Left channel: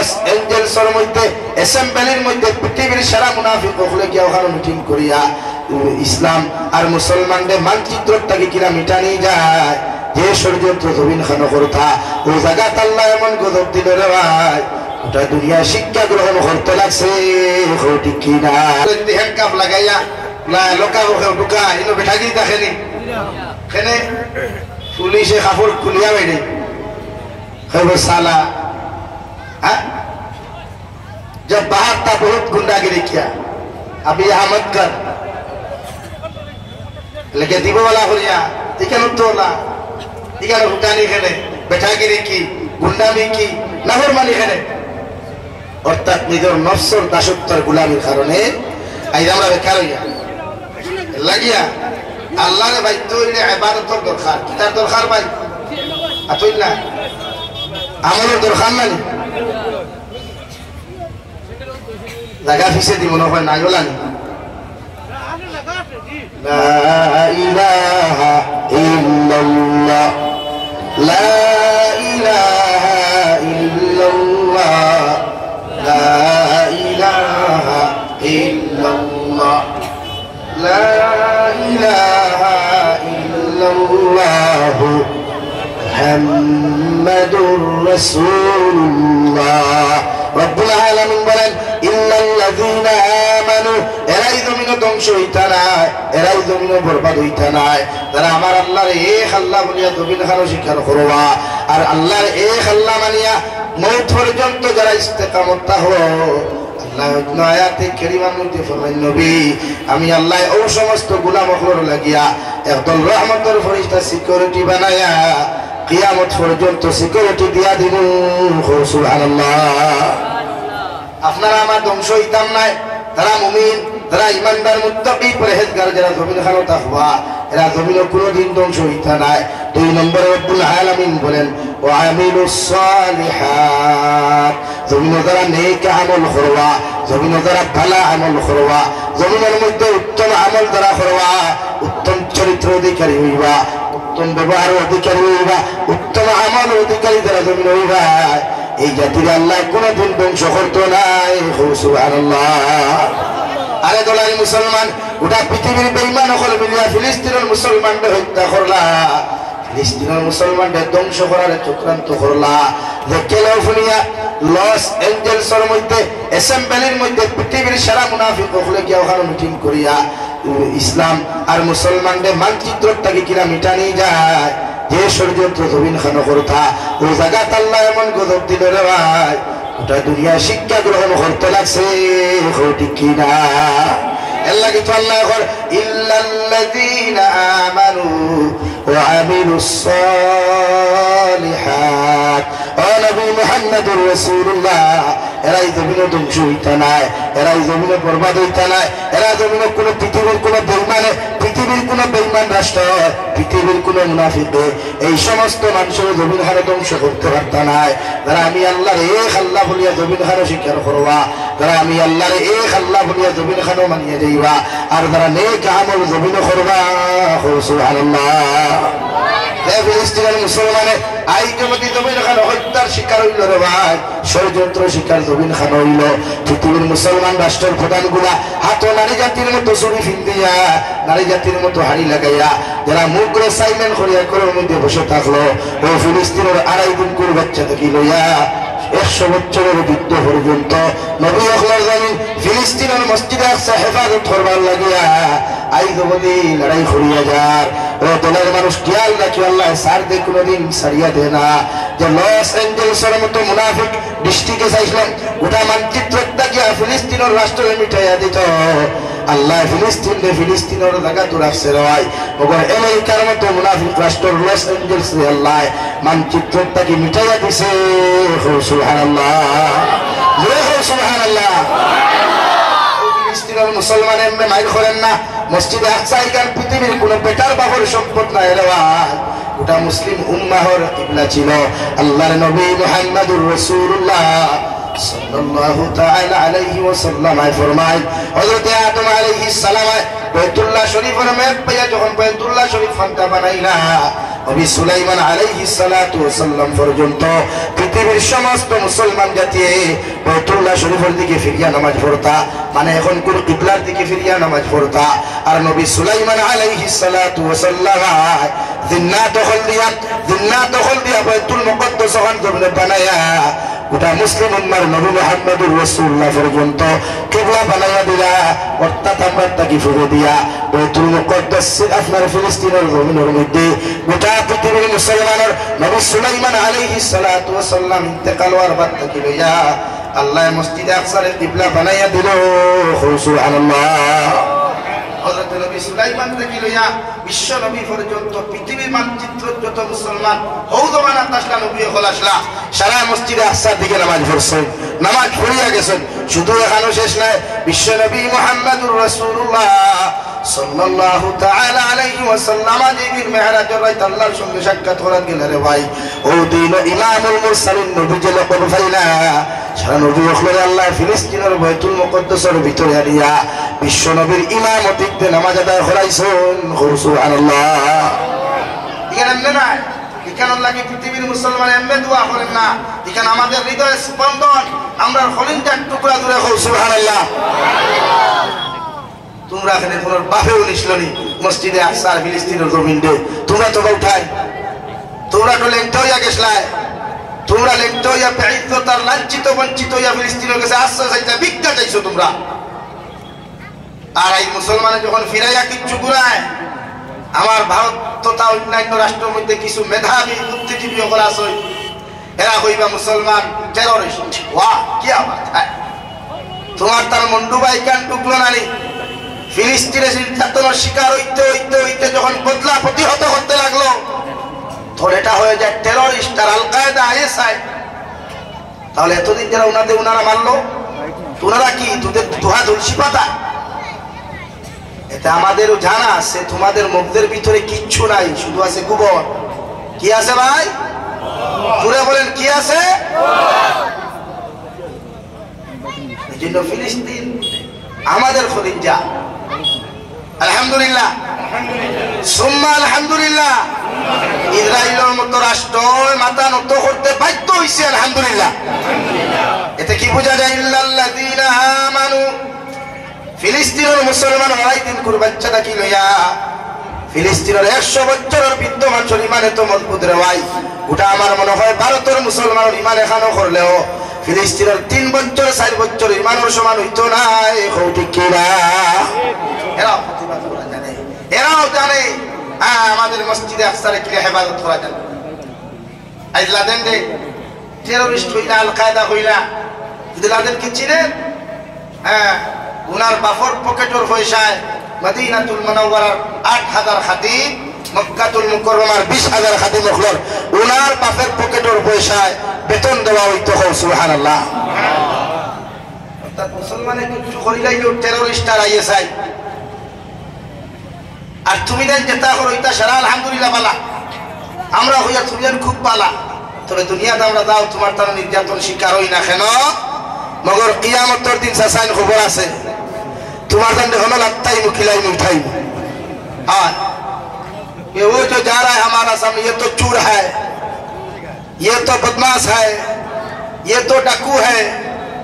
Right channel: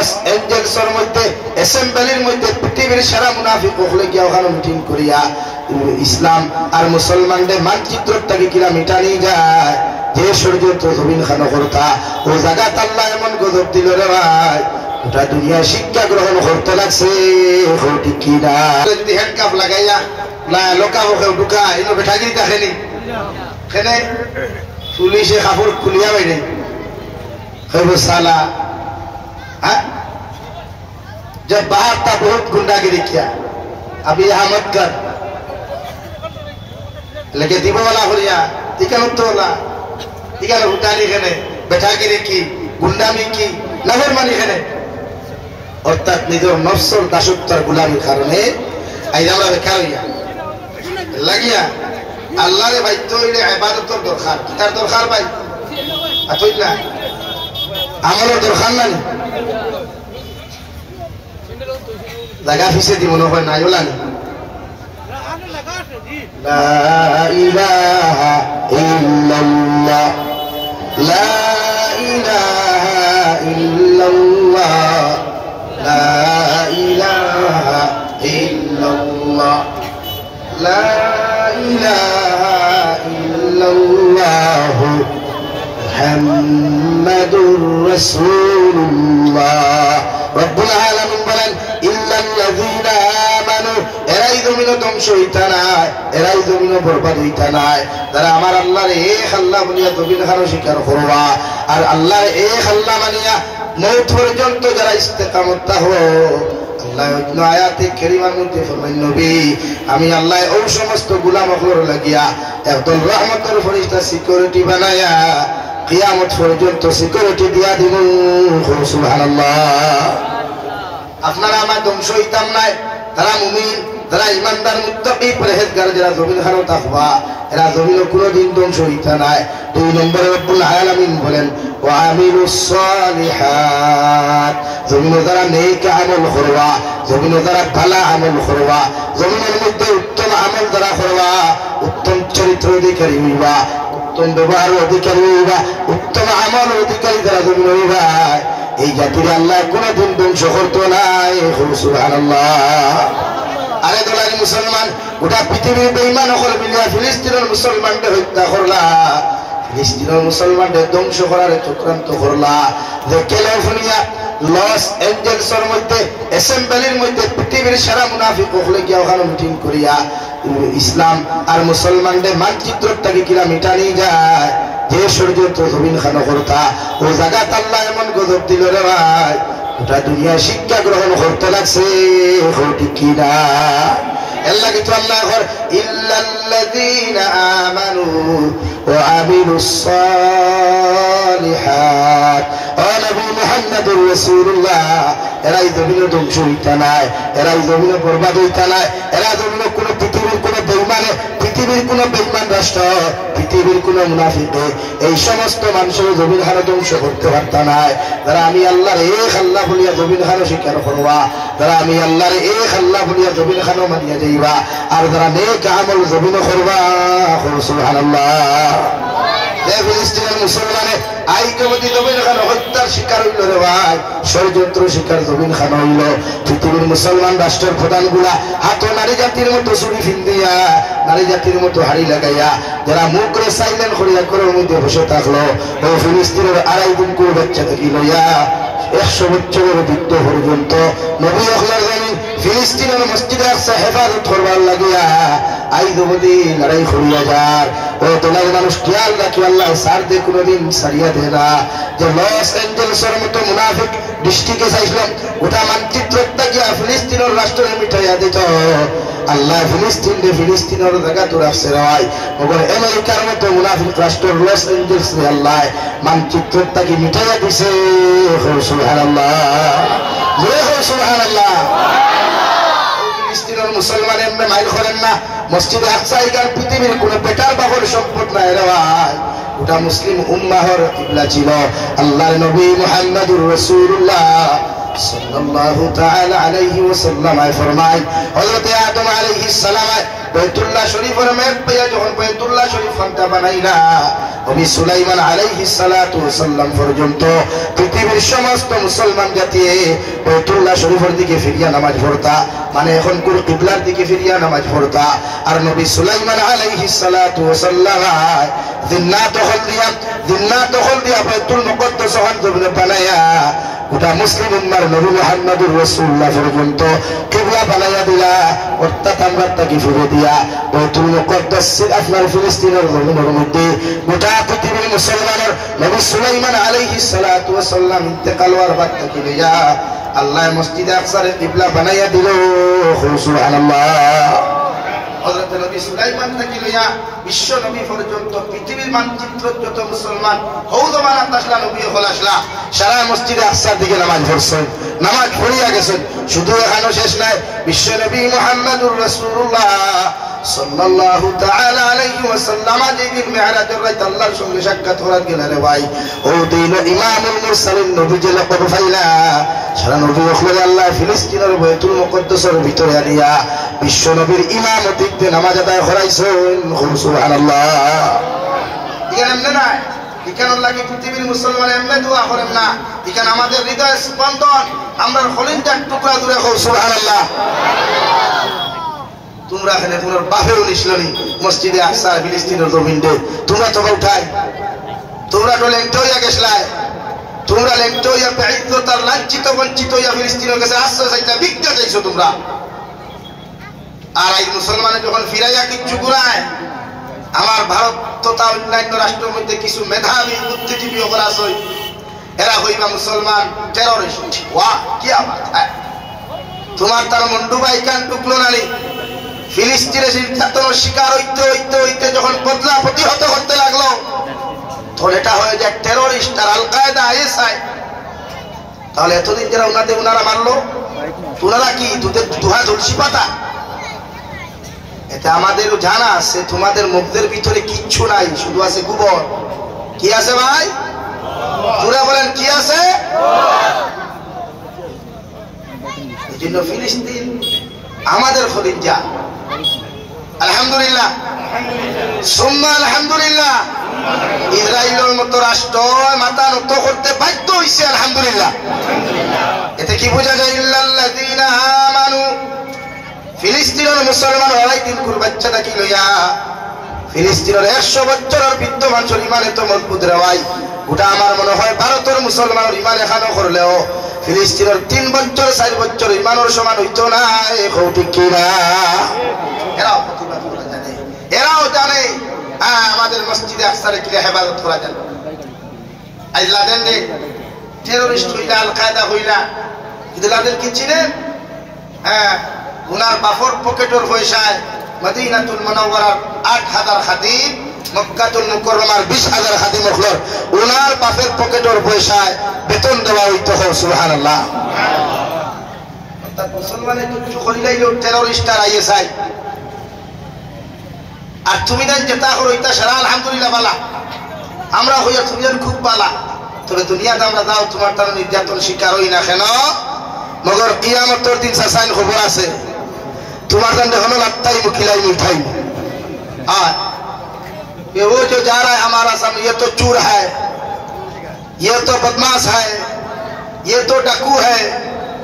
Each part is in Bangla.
লস এঞ্জেলসের মধ্যে অ্যাসেম্বলির মধ্যে পৃথিবীর সেরা মুনাফিক হলে গিয়া ওখানে মিটিং করিয়া ইসলাম আর মুসলমানদের মানচিত্রটাকে কিরা মিটানি যায় যে ষড়যন্ত্র জমিন খানো করতা ওই জায়গা আল্লাহ এমন গজব দিল রে ভাই ওটা দুনিয়া শিক্ষা গ্রহণ করতে লাগছে ঠিক কিনা হ্যান্ড কাপ লাগাইয়া লোকা ঢুকা এনে বেঠা গিয়ে দেখেনি এখানে পুলিশে কাপড় খুলিয়া বাইনে साला जब बाहर था बहुत गुंडागिरी किया अभी यहाँ मत कर लगे दीबो वाला हो लिया इकन उत्तोला इकन हुटानी खेले बैठागिरी की गुंडामी की लाहौरमानी खेले और तक निजर नफ्सर दासुत्तर गुलामी कारणे आई আমরা বেকার হইয়া লাগিয়া আল্লাহর ভাই তৈরি ইবাদতের দরকার কিতার দরকার ভাই আতইলা আমার দরকার নাই লাগা ফিসে দি মনে হয় নাই ওলা লা ইলাহা ইল্লাল্লাহ লা ইলাহা ইল্লাল্লাহ লা ইলাহা ইল্লাল্লাহ লা ইলাহা ইল্লাল্লাহ মুহাম্মাদুর রাসূলুল্লাহ রব্বুল আলামিন বলেন ইল্লাল্লাযীনা আমানু এরাই জমিনে ধ্বংস হইতা নাই এরাই জমিনে বরবাদ হইতা নাই যারা আমার আল্লাহর এক আল্লাহ বলিয়া জমিন হারো স্বীকার করবা আর আল্লাহর এক আল্লাহ মানিয়া মওত পর্যন্ত যারা ইস্তেকামত হো আল্লাহ আয়াতে কারিমার মধ্যে ফরমান নবী আমি আল্লাহ ওই সমস্ত গোলাম হর লাগিয়া একদল রহমতের ফেরেশতা সিকিউরিটি বানায়া কিয়ামত পর্যন্ত সিকিউরিটি দিয়া দিব সুবহানাল্লাহ আপনারা আমার ধ্বংস হইতাম নাই তারা মুমিন তারা ইমানদার মুত্তাকি পরহেজগার যারা জমিন খানো তাকওয়া এরা জমিনে কোনোদিন ধ্বংস হইতা নাই দুই নম্বরে রব্বুল আলামিন বলেন ওয়া আমিলুস সালিহাত জমিনে যারা নেক আমল করবা জমিনে যারা ভালো আমল করবা জমিনের মধ্যে উত্তম আমল যারা করবা উত্তম চরিত্র অধিকারী হইবা উত্তম ব্যবহার অধিকারী হইবা উত্তম আমল অধিকারী যারা জমিন হইবা এই জাতির আল্লাহ কোনদিন ধ্বংস করতো নাই সুবহানাল্লাহ আরে দোলাই মুসলমান গোটা পৃথিবীর বেঈমান হল মিলিয়া ফিলিস্তিনের মুসলমানদের হত্যা করলা ফিলিস্তিনের মুসলমানদের ধ্বংস করার চক্রান্ত করলা যে ক্যালিফোর্নিয়া লস এঞ্জেলসের মধ্যে অ্যাসেম্বলির মধ্যে পৃথিবীর সেরা মুনাফিক হলে গিয়া ওখানে মিটিং করিয়া ইসলাম আর মুসলমানদের মানচিত্রটাকে কিরা মিটানি যায় যে ষড়যন্ত্র জমিন খানো করতা ওই জায়গা আল্লাহ এমন গজব দিল রে ভাই ওটা দুনিয়া শিক্ষা গ্রহণ করতে লাগছে ঠিক কিনা আল্লাহ কিছু আল্লাহ কর ইল্লাল্লাযীনা আমানু ওয়া আমিলুস সালিহাত ও নবী মুহাম্মদুর রাসূলুল্লাহ এরাই জমিনে ধ্বংস হইতা নাই এরাই জমিনে বরবাদ হইতা নাই এরা জমিনে কোনো পৃথিবীর কোনো বেঈমানে পৃথিবীর কোনো বেঈমান রাষ্ট্র পৃথিবীর কোনো মুনাফিক এই সমস্ত মানুষের জমিন হারে ধ্বংস করতে পারতা নাই যারা আমি আল্লাহর এক আল্লাহ বলিয়া জমিন হারে স্বীকার করবা যারা আমি আল্লাহর এক আল্লাহ বলিয়া জমিন হারে মানিয়ে যাইবা আর যারা নেক আমল জমিনে করবা সুবহানাল্লাহ ফিলিস্তিনের মুসলমানে আইকমতি জমিন খান হত্যার শিকার হইল রে ভাই ষড়যন্ত্র শিকার জমিন খান হইল পৃথিবীর মুসলমান রাষ্ট্রের প্রধানগুলা হাত নারী জাতির মতো চুরি ফিন্দিয়া নারী জাতির মতো হাড়ি লাগাইয়া যারা মুখ করে সাইলেন্ট করিয়া করে মধ্যে বসে থাকলো ও ফিলিস্তিনের 2.5 দিন করে বাচ্চা থেকে লইয়া 100 বছরের বৃদ্ধ পর্যন্ত নবী আখলার জানি ফিলিস্তিনের মসজিদে আসছে হেফাজত করবার লাগিয়া আইদবদি লড়াই করিয়া যার ও তোলার মানুষ খেয়াল রাখি আল্লাহ সার দে কোনোদিন সারিয়া দে না যে লস এঞ্জেলসের মতো মুনাফিক দৃষ্টিকে চাইছিলাম গোটা মানচিত্রটা গিয়া ফিলিস্তিনের রাষ্ট্রের মিঠাইয়া দিত আল্লাহ ফিলিস্তিনের জায়গা তো রাখছে রাই ওপর আমেরিকার মতো মুনাফিক রাষ্ট্রের লস এঞ্জেলস আল্লাহ মানচিত্রটাকে মিঠাইয়া দিছে সুবহানাল্লাহ সুবহানাল্লাহ ফিলিস্তিনের মুসলমান এমনি মাইল করেন না মসজিদে আকসা এখান পৃথিবীর কোন বেকার বাবর সম্পদ নাই রে ভাই ওটা মুসলিম উম্মাহর কিবলা ছিল আল্লাহর নবী মুহাম্মদুর রাসূলুল্লাহ সাল্লাল্লাহু তাআলা আলাইহি ওয়াসাল্লাম ফরমায় হযরত আদম আলাইহিস সালাম বাইতুল্লাহ শরীফের মেদ পাইয়া যখন বাইতুল্লাহ শরীফ খানটা বানাইলা নবী সুলাইমান আলাইহিস সালাতু ওয়াসাল্লাম পর্যন্ত পৃথিবীর সমস্ত মুসলমান জাতি বাইতুল্লাহ শরীফের দিকে ফিরিয়া নামাজ পড়তা, মানে এখন কোন কিবলার দিকে ফিরিয়া নামাজ পড়তা। আর নবী সুলাইমান আলাইহিস সালাতু ওয়াসাল্লাম জিন্নাত দখল দিয়া বাইতুল মুকদ্দাস ওখান জমিনে বানায়া গোটা মুসলিম উম্মার নবী মুহাম্মদুর রাসূলুল্লাহ পর্যন্ত কিবলা বানায়া দিলা। অর্থাৎ আমরা তাকে ফিরে দিয়া বাইতুল মুকদ্দাস আপনার ফিলিস্তিনের জমিনের মধ্যে গোটা পৃথিবীর মুসলমানের নবী সুলাইমান আলাইহিস সালাতু ওয়াসাল্লাম ইন্তেকাল হওয়ার বাদ থেকে লইয়া আল্লাহ মসজিদে আকসার কিবলা বানায়া দিল। সুবহানাল্লাহ। হযরত নবী সুলাইমান থেকে লইয়া বিশ্ব নবী পর্যন্ত পৃথিবীর মানচিত্র যত মুসলমান হৌদমানা তাসলা নবী হল আসলা সারা মসজিদে আকসার দিকে নামাজ পড়ছেন, নামাজ পড়িয়া গেছেন। শুধু এখানে শেষ নাই, বিশ্ব নবী মুহাম্মদুর রাসূলুল্লাহ সাল্লাল্লাহু তাআলা আলাইহি ওয়াসাল্লাম যেদিন মেরাজের রাতে আল্লাহর সঙ্গে সাক্ষাৎ করার গেলেন রে ভাই, ও দিন ইমামুল মুরসালিন নবী যে লকব ফাইলা সারা নবী হলেন আল্লাহ ফিলিস্তিনের বাইতুল মুকদ্দাসের ভিতরে আনিয়া বিশ্ব নবীর ইমামতিতে নামাজ আদায় করাইছেন। সুবহানাল্লাহ। এখানে এমনি না, এখানে লাগি পৃথিবীর মুসলমান এমনি দোয়া করেন না, এখানে আমাদের হৃদয় স্পন্দন আমরা হলিনটা টুকরা দূরে হোক। সুবহানাল্লাহ। তোমরা এখানে তোমার বাপেও নিসলনি মসজিদে আকসার ফিলিস্তিনের জমিনে, তোমরা তো উঠাই, তোমরা তো লেংটা হইয়া গেছলাই, তোমরা লেংটা হইয়া বেইজ্জত আর লাঞ্ছিত বঞ্চিত হইয়া ফিলিস্তিনের কাছে আশ্রয় চাইছা, ভিক্ষা চাইছো তোমরা। আর এই মুসলমানে যখন ফিরাইয়া কিচ্ছু ঘুরায়, আমার ভারত তথা অন্যান্য রাষ্ট্রের মধ্যে কিছু মেধাবী বুদ্ধিজীবী ওপর আছে, এরা হইবা মুসলমান টেররিস্ট। ওয়াহ কি আওয়াজ! তোমার তার মন্ডুবাই কান টুকলো নানি ফিলিস্তিনের নির্যাতনের শিকার হইতে হইতে হইতে যখন বদলা প্রতিহত করতে লাগলো, তখন এটা হয়ে যায় টেররিস্ট আর আল কায়দা আইএসআই। তাহলে এতদিন যারা উনারা মারলো, তোনারা কি দুধের দুহা তুলসী পাতা? এতে আমাদেরও জানা আছে তোমাদের মুখদের ভিতরে কিচ্ছু নাই, শুধু আছে গোবর। কি আছে ভাই? জুড়ে বলেন কি আছে? এই জন্য ফিলিস্তিন আমাদের খলিঞ্জা। আলহামদুলিল্লাহ, সুম্মা আলহামদুলিল্লাহ। ইসরায়েলের মতো রাষ্ট্র মাথা নত করতে বাধ্য হইছে, আলহামদুলিল্লাহ। এতে কি বোঝা যায়? ইল্লাল্লাযীনা আমানু, ফিলিস্তিনের মুসলমান ওরাই দিন কুর বাচ্চাটা কি লইয়া ফিলিস্তিনের 100 বছরের বিদ্যমান ইমান এত মজবুত রে ভাই। ওটা আমার মনে হয় ভারতের মুসলমানের ইমান এখানো করলেও ফিলিস্তিনের 3 বছর 4 বছর ইমানের সমান হইতো না। ঠিক কিনা? এরাও প্রতিবাদ করা জানে, এরাও জানে আমাদের মসজিদে আকসারে কি হেফাজত করা যাবে। আজ লাদেন রে টেররিস্ট হইলা, আল কায়দা হইলা, কিন্তু লাদেন কি ছিলেন? উনার বাফর পকেটর পয়সায় মদিনাতুল মুনাওয়ারার 8000 খাদিম, মক্কাতুল মুকাররমার 20000 খাদিম হলর উনার বাফের পকেটর পয়সায় বেতন দেওয়া হইতো। সুবহানাল্লাহ। অর্থাৎ মুসলমানে কিছু করিলাই টেররিস্ট আর আইএসআই। আর তুমি দেন যেটা হইতা সারা আলহামদুলিল্লাহ বালা, আমরা হইয়া তুমিয়ান খুব বালা। তবে দুনিয়াতে আমরা যাও তোমার তার নির্যাতন শিকার হই না কেন, মগর কিয়ামতের দিন সাসাইন খবর আছে তোমার दंड होना लगता ही मुखिलाई मिठाई। हाँ, ये वो जो जा रहा है हमारा सामने, ये तो चूर है, ये तो बदमाश है, ये तो डाकू है।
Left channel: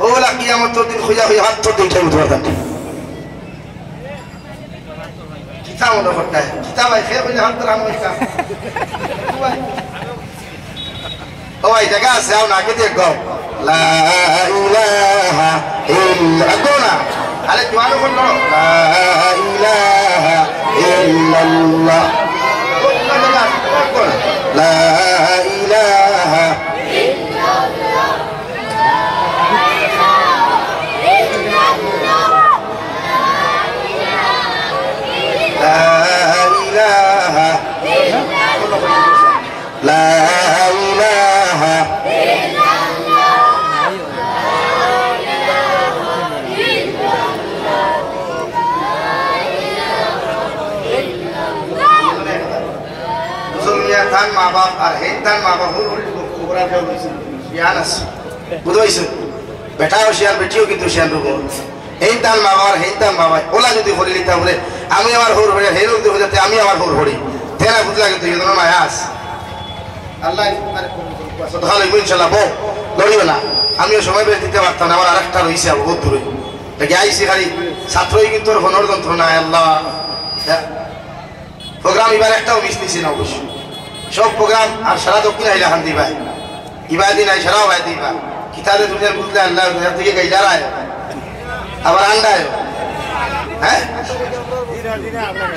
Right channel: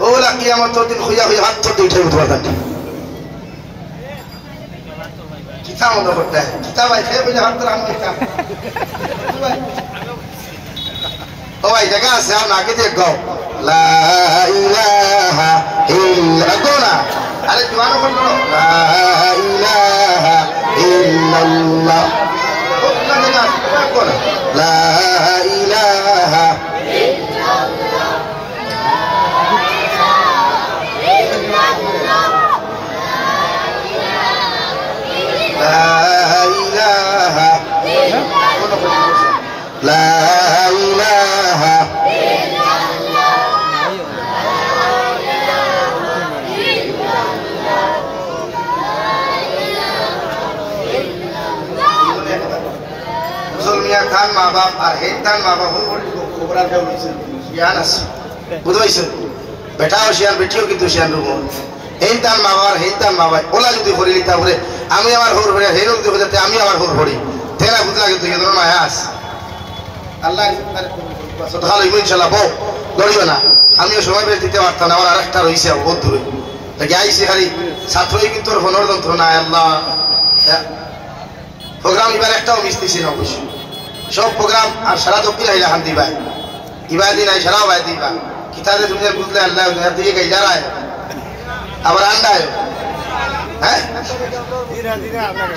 बोला कियामत तो दिन खुया हुई हाथ तो देखे तुम्हारा दंड कितना होना पड़ता है, कितना भाई खे मुझे हाथ राम का ओ भाई जगह से हम आगे देख गो ला इलाहा इल्ला गोना। अरे जवानों को लड़ो, ला इलाहा इल्लल्लाह। अपना जगह गोना, ला इलाहा इल्लल्लाह। ला इलाहा ला इलाहा मुसलमान थान माँ बाप और हेतान माँ बाप होल कोबरा जाओ शियानस बुधवाइसन बेटा और शियान बेटियों की तो शियान रुको हेतान माँ बाप और हेतान माँ बाप ओला जो तो होली लिखता बोले आमी हमार होर होरे हेलों तो हो जाते आमी हमार होर होरी तेरा बुधला के तो ये दोनों आयास আল্লাহ ভালো ইনশাল্লাহ বউ লড়িও না আমিও সময় বেশ দিতে পারতাম না আমার আর একটা রয়েছে বহুত দূরে আইসি খালি ছাত্রই কিন্তু তোর হনর যন্ত্রণা আল্লাহ প্রোগ্রাম এবার একটাও মিস দিছি না অবশ্য সব প্রোগ্রাম আর সারা দক্ষিণ আইলা খান দিবা ইবার দিন আই সারাও ভাই দিবা কিতাবে দুনিয়ার বুঝলে আল্লাহ দিকে গাইলার আয় আবার আন্ডায় হ্যাঁ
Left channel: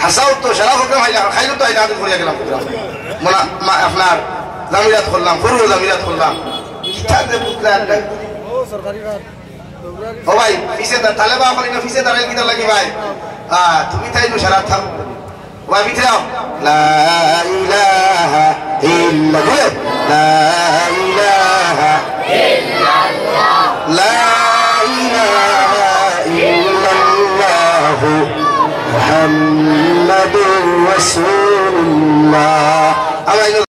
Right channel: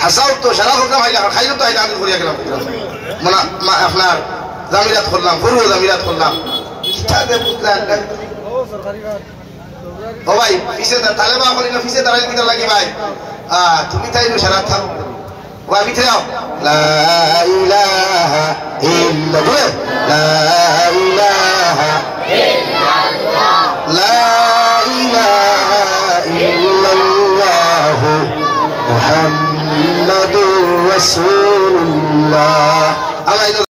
হাসাও তো সারা প্রোগ্রাম আইলা খাইলো তো আইলা হাতে ঘুরিয়া গেলাম আপনার জামিরাত করলাম পুরো জামিরাত করলাম কিতাবে বুঝলে আল্লাহ ও ভাই পিছে তালেবা বলি না পিছে দাঁড়াই কিনা লাগে ভাই তুমি তাই নো সারা থাক ভাই ভিতরে আও লা ইলাহা ইল্লাল্লাহ লা